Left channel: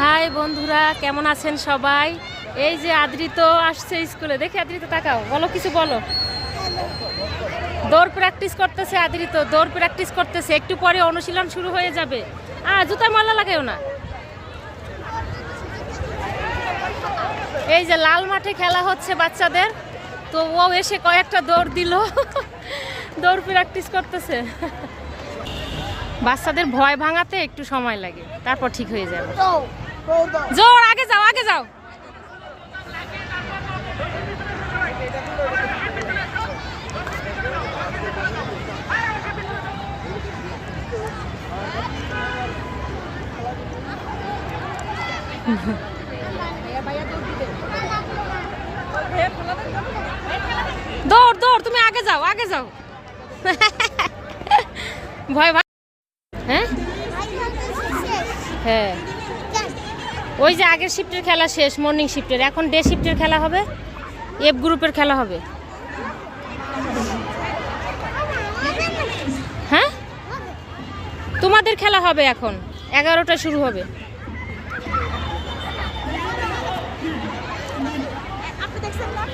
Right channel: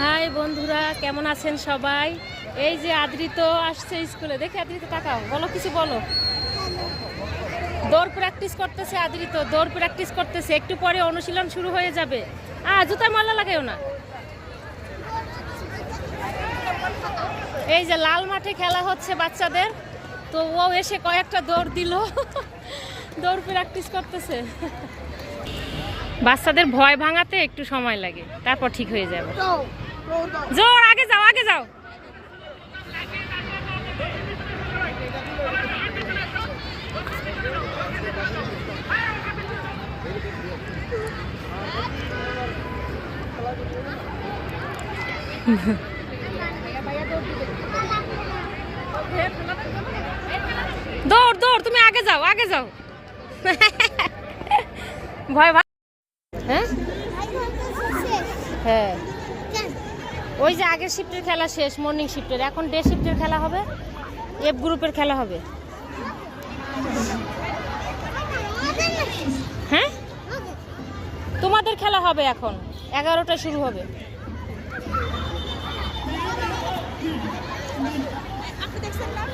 High বন্ধুরা, কেমন আছেন সবাই? এই যে আদ্রিত আসছে স্কুলে, দেখে আদ্রিত তাকাও, বলো কিছু বলো। দৌড় প্র্যাকটিস করতেছে আদ্রিত, দৌড় প্র্যাকটিস করতেছে। একটু পরে অনুশীলন শুরু হয়ে যাবে। জুতা মালা লাগাও না। এই যে লাল মাঠে খেলা হচ্ছে বাচ্চাদের, তো ও এসে কয়েকটা দৌড় দিল। দৌড় প্র্যাকটিস করতেছে। বাচ্চাদের ভয় ভাঙাতে একটু সময় লাগে, তারপর ঠিক হয়ে যাবে। জোর, আগে যাও, আগে যাও। দৌড় দৌড়, তুমি আগে যাও, আগে যাও। ভয় ভাঙ। হ্যাঁ হ্যাঁ, ওই যে আগের শিফটের খেলা শেষ, মর্নিং শিফটের। এখন ডে শিফটের খেলা হবে, এফ গ্রুপের খেলা হবে। হ্যাঁ, তোমাদের খেলা হবে এখন, 11টা শুরু হবে। আপনি দেখছেন না?